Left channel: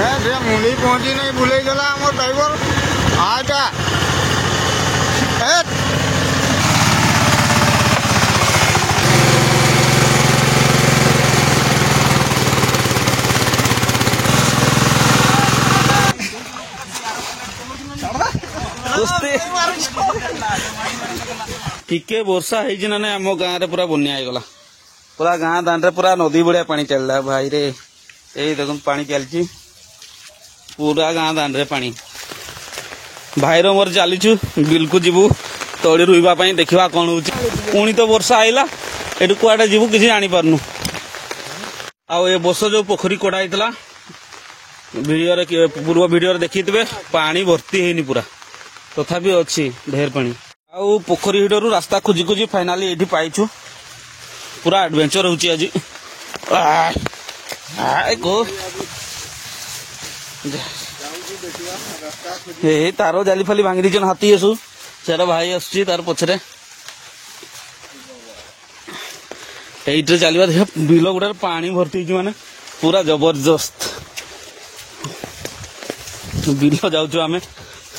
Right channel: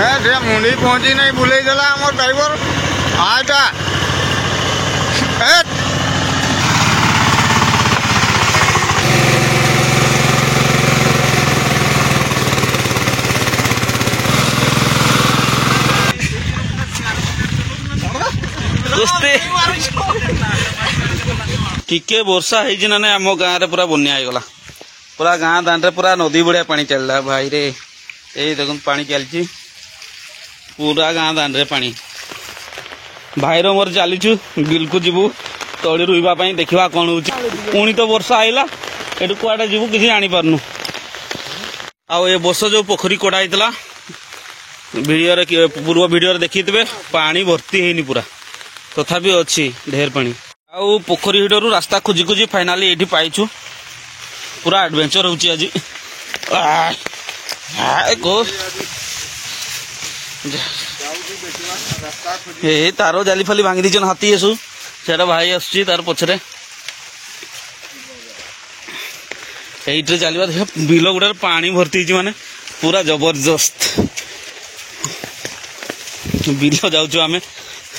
ସେ ମୁଣ୍ଡି ପହଞ୍ଚି ନାହିଁ ବୁଲେଇ ଦେଲା ଆମର ଡ୍ରାଇଭର ଆଟା टिके वर्षा है ना आम गाँव रे पूरा बन्या होगला पूरा गाँ दांडे पूरा नदी बढ़िया पानी चलला भाई रे यही देखो पानी चलची पूरा गाँ दांडे पानी भाई रो मोर चलीचु बिल को जीवु तली रुइबा पई देखिबा कोन होची पुणी तो वर्षा आइला एटु कुआडे जीवु किसी जानि पारनु आ ए बस जो पोखरी कोडा आइतला वीडियो रे पूर्व वीडियो रे देखितबे पानी भर्ती हेनी पूरा तथापि अच्छी ढेर पानी आउ पोखरी हिडरू रास्ता खोजी खोजी फाइनाली एठी पाइछु पूरा एडवेंचर होची आज को ए तारो जाली फाली भांगी दीचन हाथी एसु सेरा भाई आसुची तार पछरे एइटे चलिबा देख बिलो गुडा पानी भर्ती छि माने पूरा जबरदस्त बिलो जाउछु आमे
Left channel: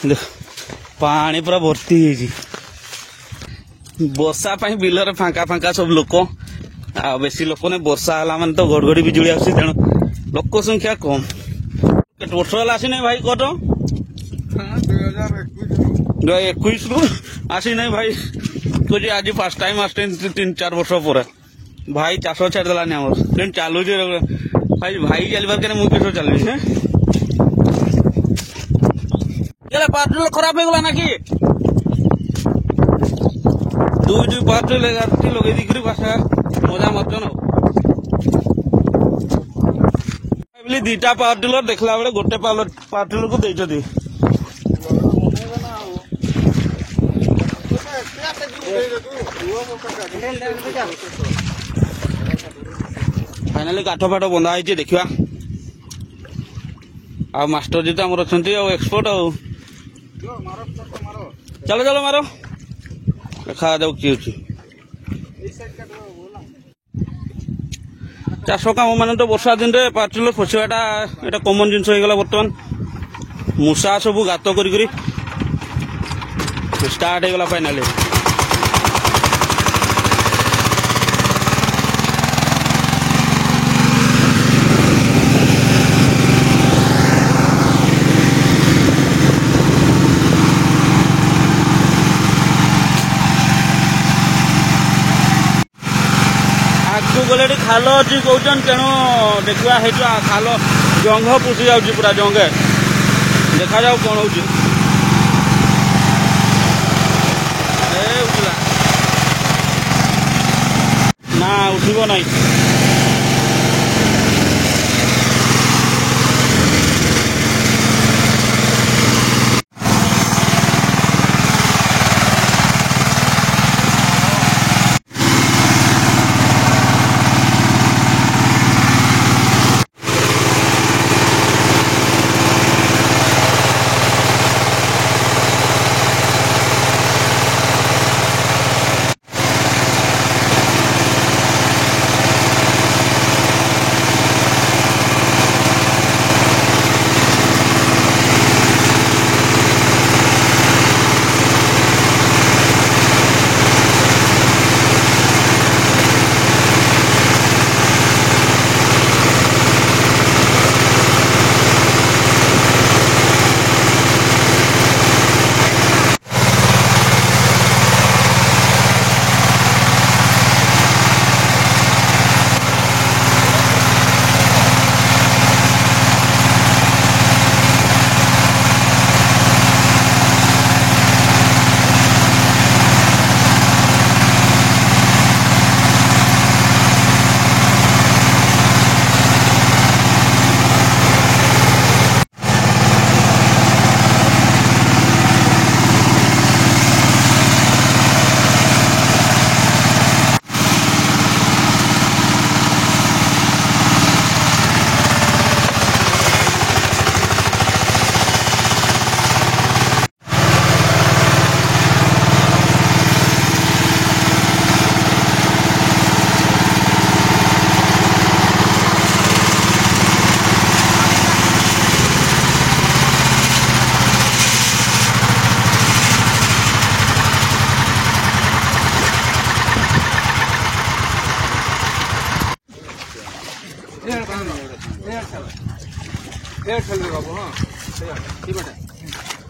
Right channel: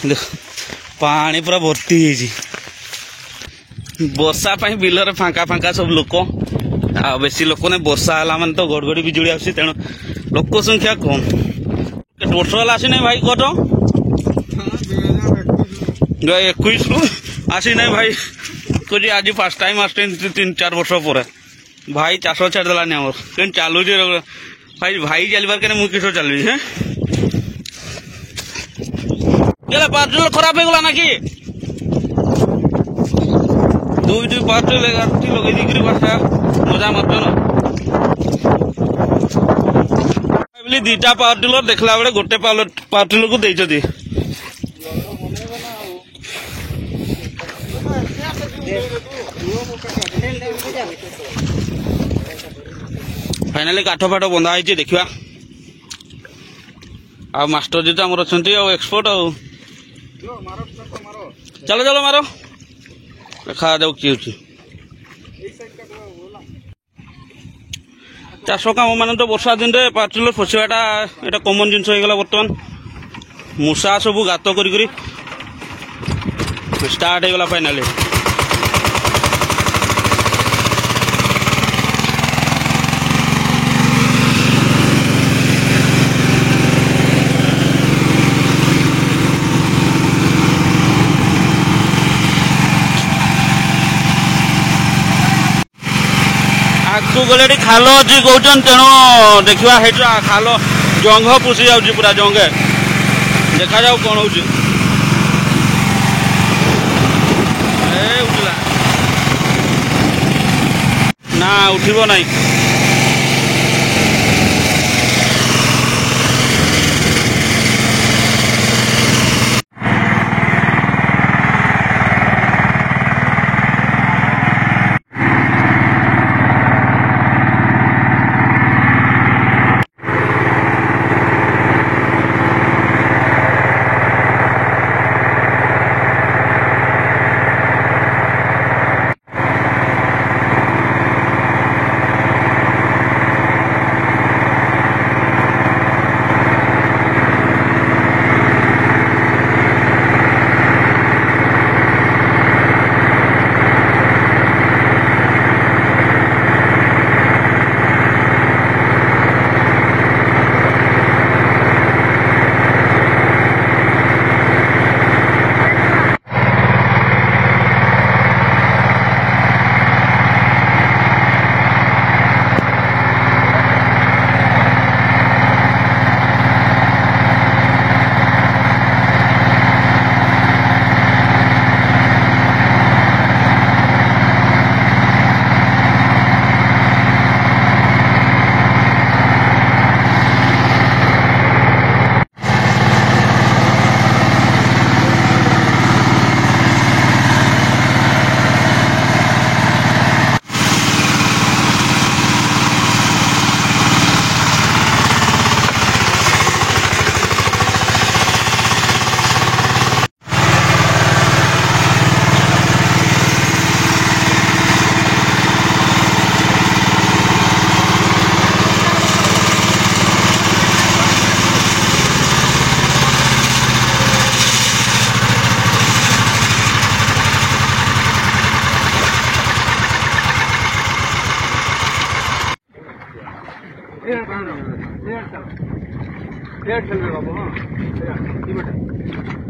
देख पानी पूरा भर्ती है वर्षा बिल फांका फांका सब लोक आ बेसी लोक ने वर्षा है माने तो घड़घड़ी बिजुली आसी तेणु लोक संख्या कम टोटल आसी नहीं भाई कट 21 रु आसी नहीं भाई कह आज फास्ट टाइम आस 3-4 वर्ष पर भाई चाष छाड़देलानी आम चलू भाई भाई चलबार के मुझे किस चलि पार्सल खराब हो गला ना कि दुई पार्सल लगे दी मजा मत दीटा पावर टिलर देखला बेले गोटे पावर टिलर को देइछथि फाइनाली काठ फाट बंधा है देखा आ मास्टर जी तो आम अच्छा एक्सपर्ट आ चलो चलो मारो देखा जाऊ किए चाष काम मान तो वर्षा दिन में पार्टिलर फसवाटा यहाँ कमन जिन होगा बर्तमान मूषा सब गात कर स्टार्ट होगा फाइनाली आगू गले खाल अच्छी कौन तेणु देखा खाल जंग पुषि जाऊँ पूरा जंगे देखा जाऊ कौन हो उठला ना उठब नहीं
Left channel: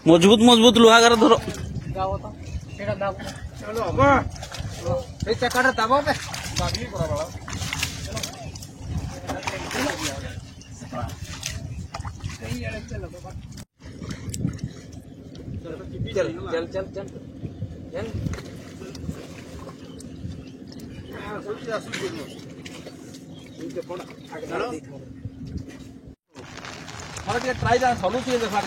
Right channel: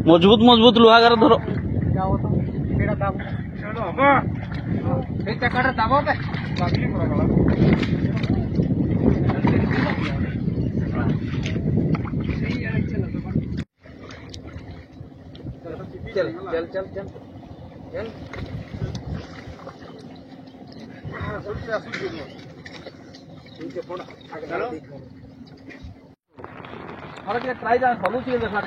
मजबूत मजबूत लुहागार धर चल चल चल चल चल ट्राई जा सलू देखा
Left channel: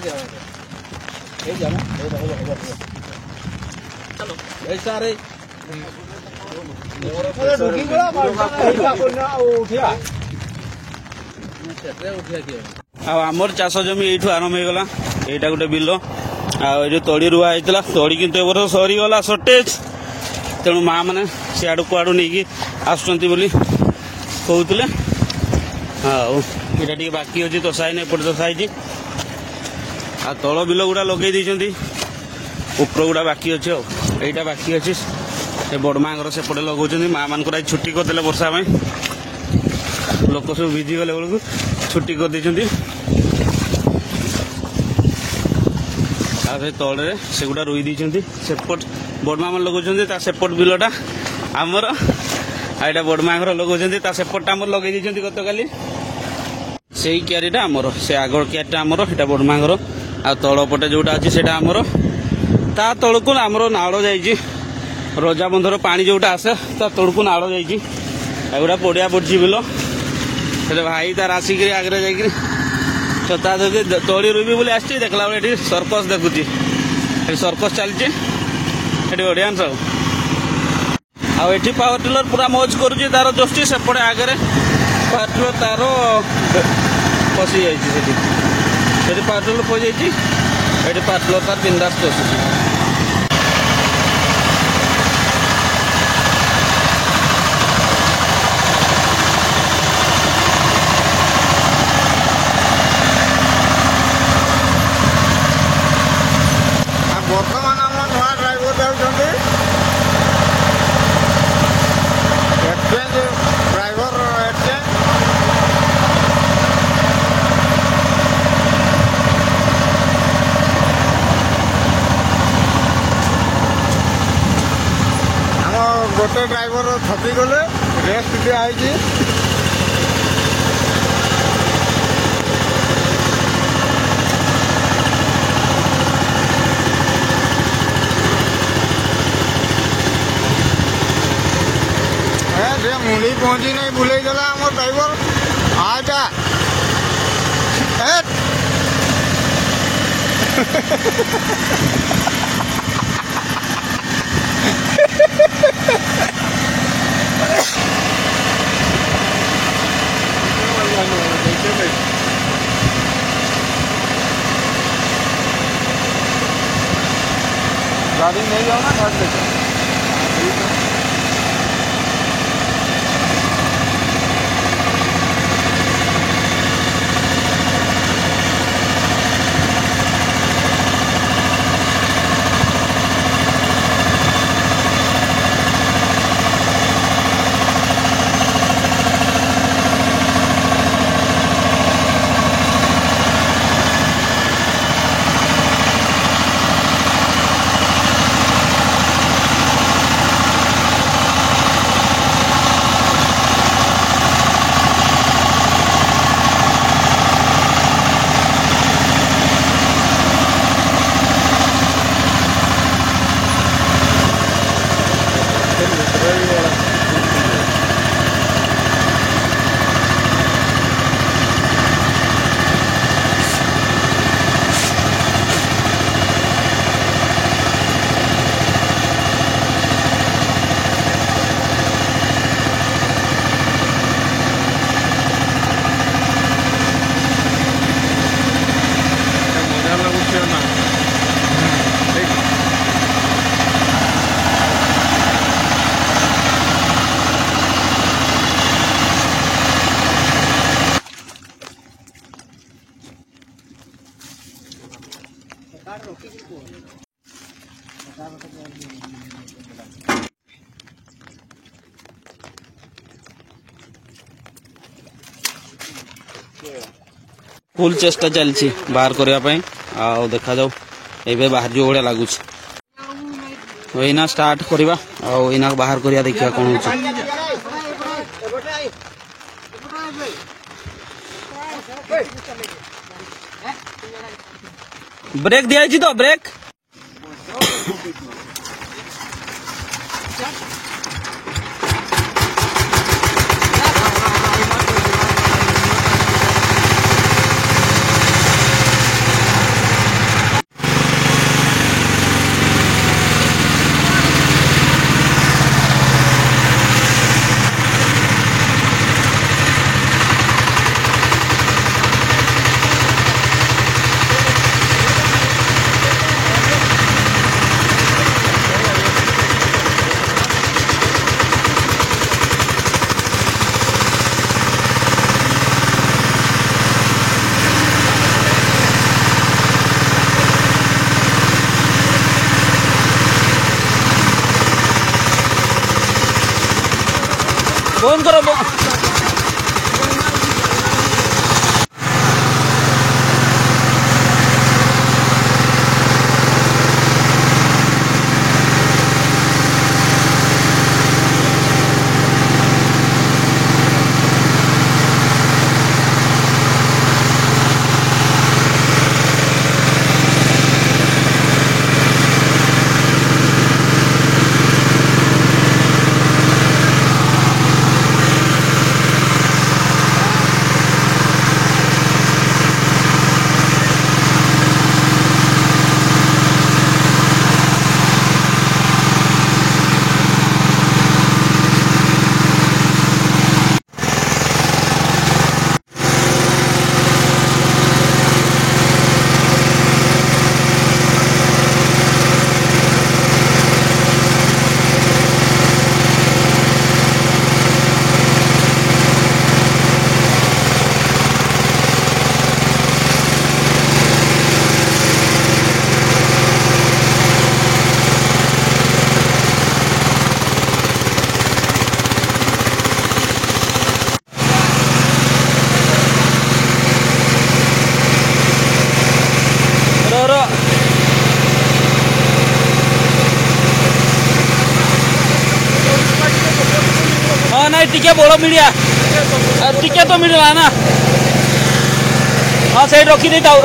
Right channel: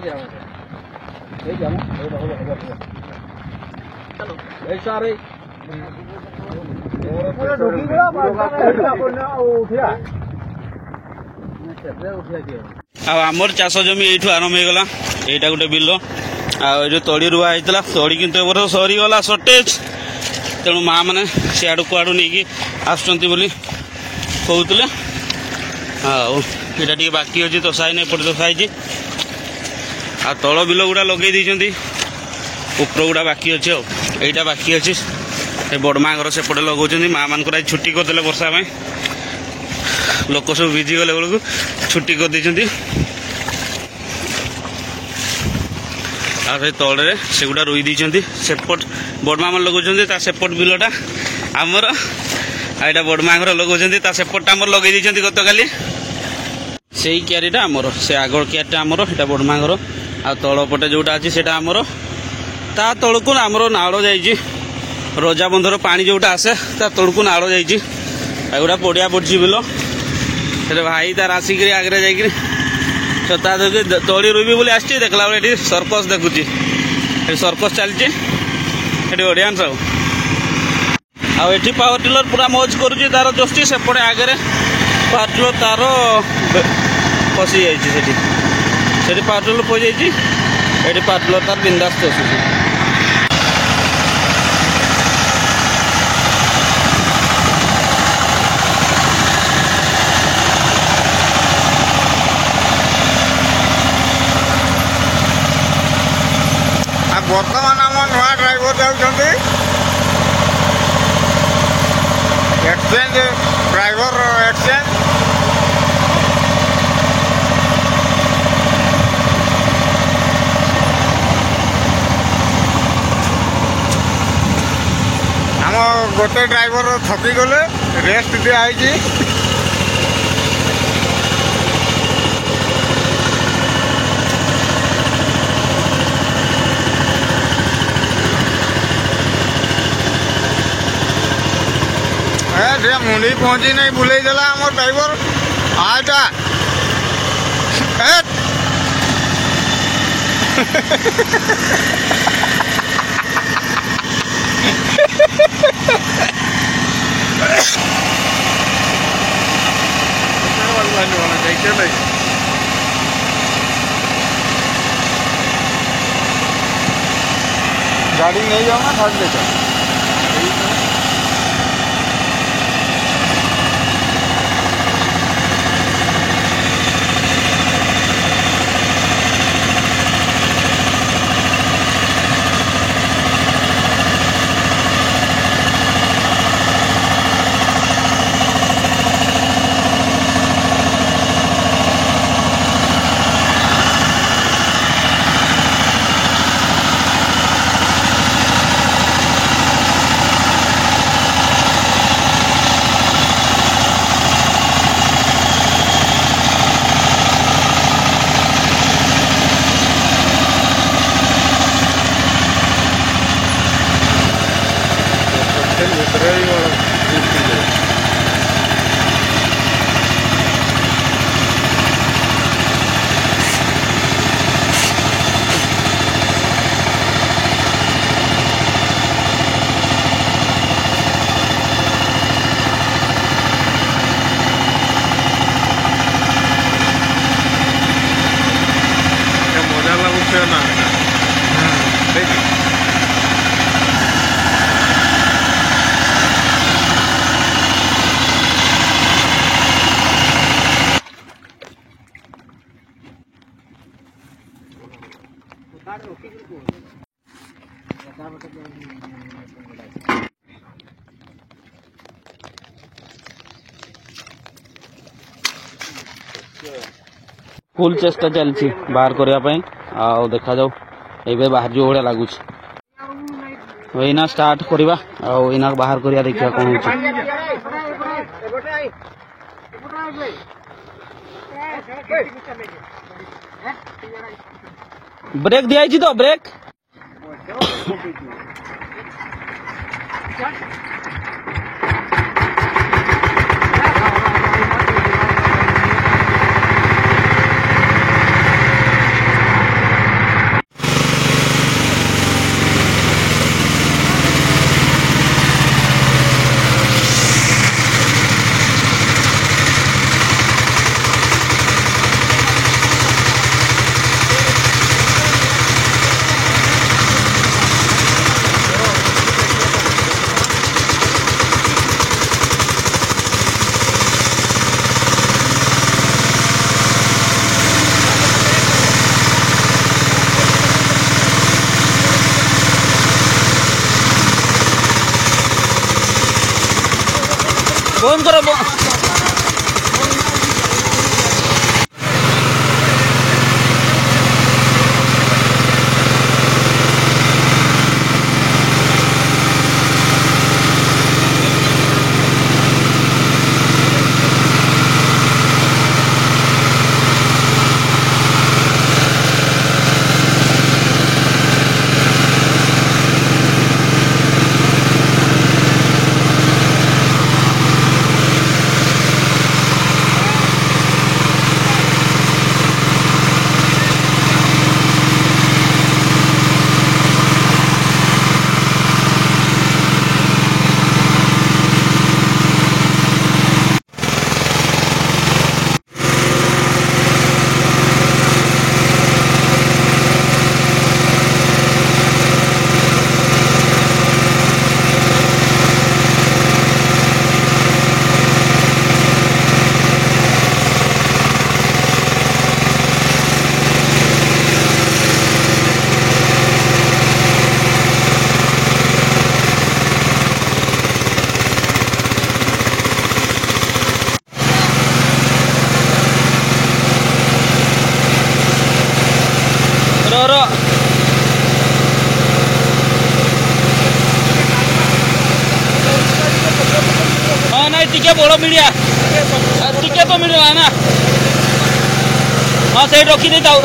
चलो ऐसा रे आमर चाष जमी ये आरंभ होगा यहाँ गोटे बिल जो तड़ी रुआ होता तड़ी कि सरीगला सर्टेज तेणु माँ मैंने सियाड़ कुआड़ नहीं आसुँच कहते हाँ ये बाकी अच्छी तसा एपटे तसाई आ तल बिल गुड़ा लगे उपर गुड़ा बाकी अच्छे आईटा बाकी अच्छे बड़मा घर सेपटे लगे माँ मान छुट्टी करदे वर्षा में लोक सब भिजी गले बेलू छुट्टी करदे तले से गुड़ा रुई दी सेपट बड़मा मन लगे सेपट बिलटा आमर आईटा बड़मा घर लगे सेपटा आमर लगे गत काली से क्यारीटा आमर से आग क्यारीटा आमर यहाँ बड़मा घर आ तलपटे जोटा अच्छी से आमर ता तलू आमर नाड़ जा रजा बंधर पानी जोटा आसे ता तलू नाड़ जागुड़ा पड़िया पड़ी बिल से भाई तार आसिक आगे जा छता धोके तली रुबी बोली आस देखला बेले सर्कस देखुची सर्कस चलती ऑडियंस आठी पावर टिलर पूरा मौज करुच्ची तार जोशी सेपटे आगे पावर टिलर तार पशि जाइए पावर टिलर पशि जाइए पावर टिलर तार बिंदास चुची बर्तमान आम नुआ ड्राइवर जाऊँगी एक्सचेंज ड्राइवर एक्सचेंज आम गोटे ड्राइवर थकी गले रेस्ट दिखाई मुंडी पहुंची नहीं बुले देला आमर ड्राइवर आटा गाड़ी नहीं जाओ ना भाग लेकर फुल चेष्टा चलती बाहर करने देखा जाऊ एबे बाहर जो भाया लगुच एना स्टार्ट करवा आना बाहर करिया देखिया कौन होची ब्रेक दिया तो ब्रेक फोन करो टिके बड़ मिलिया टिके तो मिलला ना हाँ से रखी दे ताऊ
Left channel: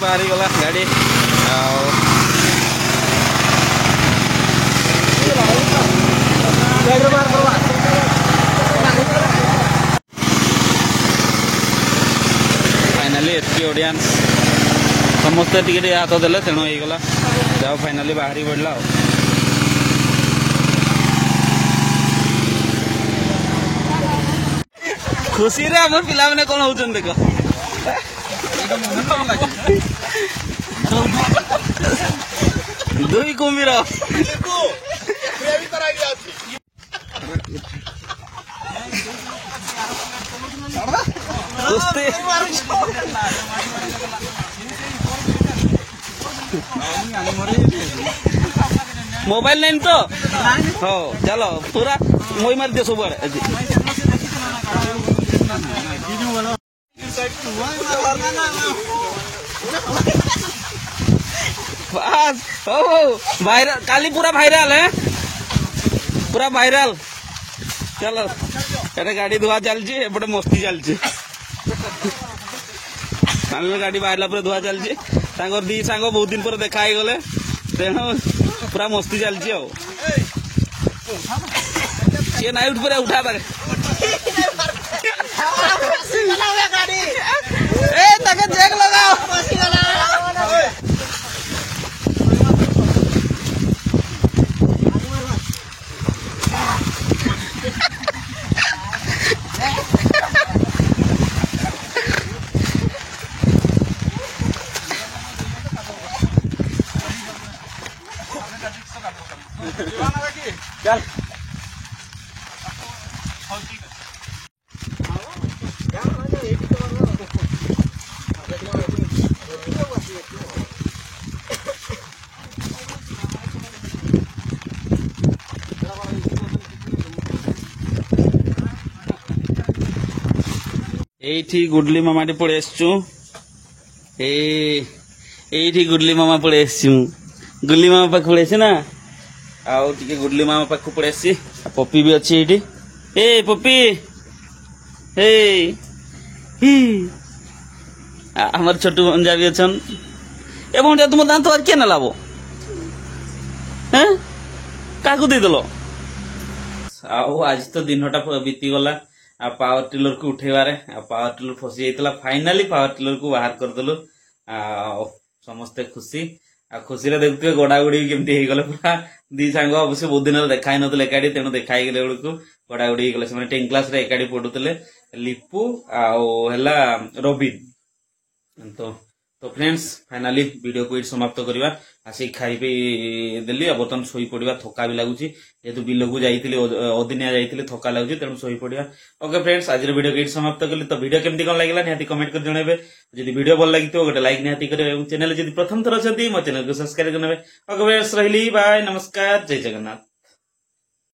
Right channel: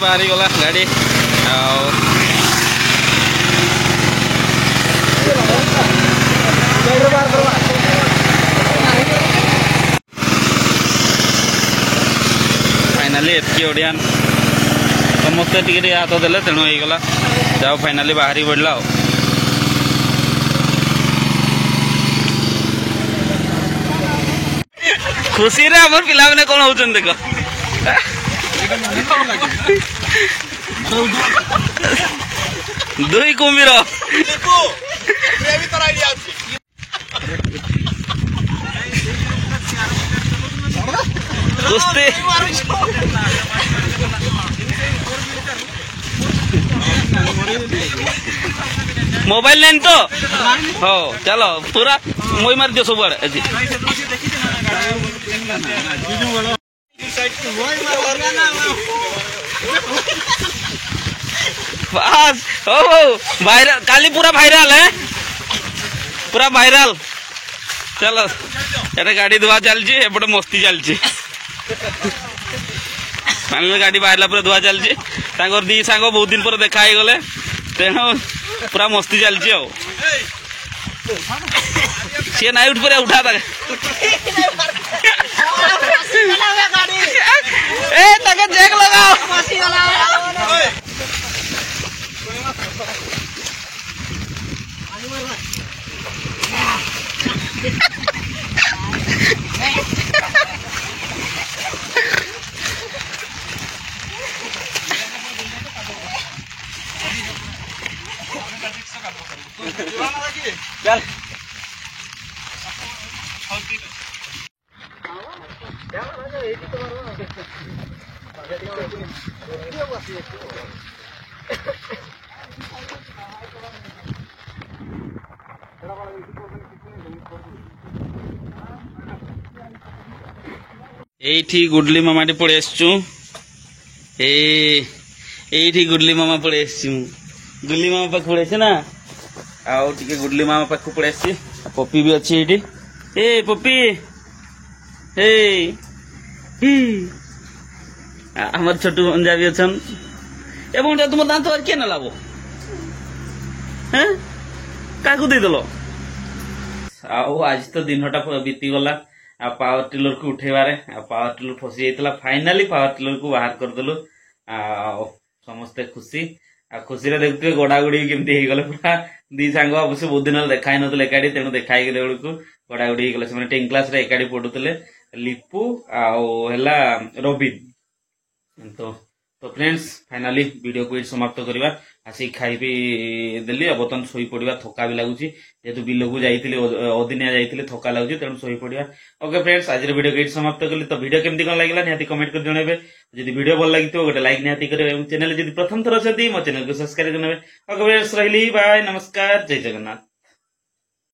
बाहरी गला गाड़ी फाइनाली एतकी ओडियान समस्ते टिके हाथ देले तेणु होगला जाओ फाइनाली बाहरी पड़ला खुशी रे आम पिला मैंने कौन होचन देख दुई कुम्भीर कुस्ती मोबाइल नहीं तो हो चलो पूरा मोई मार दियो सब बस हो वायरल काली पूरा वायरल है पूरा वायरल चलो ये गाड़ी धुआ चलची एपटे मस्ती चलची गाड़ी बाहर पूरा धुआ चलची दी सांग बहुत दिन पर देखा गले तेणु पूरा मस्ती चलची सी नाई उठ पर उठा तक जैक लगाओ चल এইଠି ଗୁଡଲି ମାମାଟି ପଳେଇ ଆସିଛୁ এইଠି ଗୁଡଲି ମାମା ପଳେଇ ଆସିଛୁ ଗୁଡଲି ମାମା ପାଖକୁ ପଳେଇ ଆସିଛି ନା ଆଉ ଟିକେ ଗୁଡଲି ମାମା ପାଖକୁ ପଳେଇ ଆସିଛି ପପି ବି ଅଛି ଏଇଠି ଏ ପପି আমার ছোট ভঞ্জা भी अछन ए भंजा तुम दांत और के न लाबो हैं काकू दे दलो आओ आज तो दिनटा बीती गला आ पावर टिलर को उठेबारे आ पावर टिलर फसी जाइतला फाइनली पावर टिलर को बाहर कर देलु आ समस्ते खुशी आ खुशी रे देखते गोडागुडी केमती हे गले पूरा दी सांग अवश्य बहुत दिन देखाई नतले एकाडी तेणु देखाई गेले बेलकू गोडागुडी हे गले से 10 क्लास रे एकाडी पढुतले लिपू आओ हला रबिन तो फ्रेंड्स फाइनली वीडियो को समाप्त करवा आसी खाई भी देली बर्तन सोई पड़वा थका भी लगुच जेहेतु बिल को जाइए अदिनिया जाइए थका लगुच तेणु सोई पड़वा ओके फ्रेंड्स आज वीडियो को समाप्त कली तो वीडियो केमती कौन लगे निहाती कमेंट कर जनइबे जदि वीडियो भल लगी गोटे लाइक निहाती करेंगे चैनल जदि प्रथम थर अच्छी मो चैनल को सब्सक्राइब करेंगे ओके फ्रेंड्स रही बाय नमस्कार जय जगन्नाथ।